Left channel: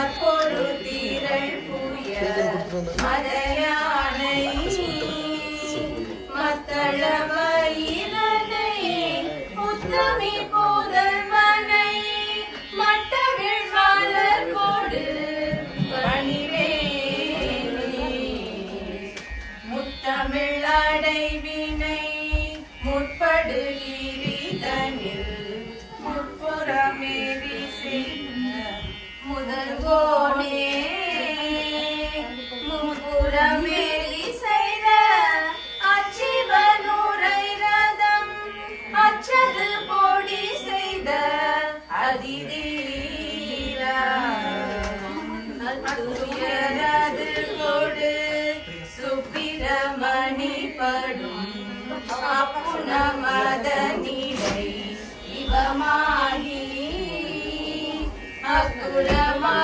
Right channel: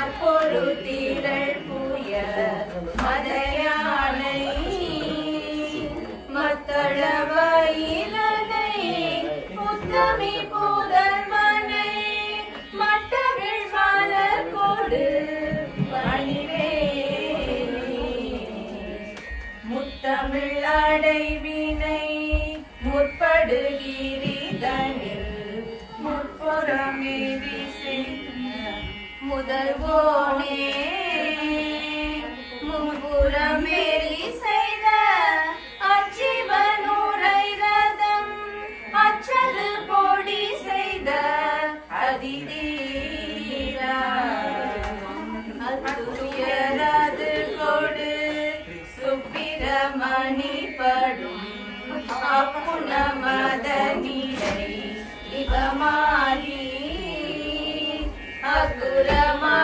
மார்பொருத்திரள் புய மதயானை மத்தளவயிலனை முத்தமி புதல்வனை மட்டவிழ் மலர் கொடு பணிவே முத்தமிழ் அடைவினை முற்படு ஈரிதனில் முப்புறமே முதல்வோனே முன்புறமேறி செய்த அச்சிவனூரை ரதம் அச்சது பொடி செய்த அதிதீரா அதுயரது கொடு சுப்பிரமணி படும் அப்புன மதனிலை இவமாகி அக்குரமா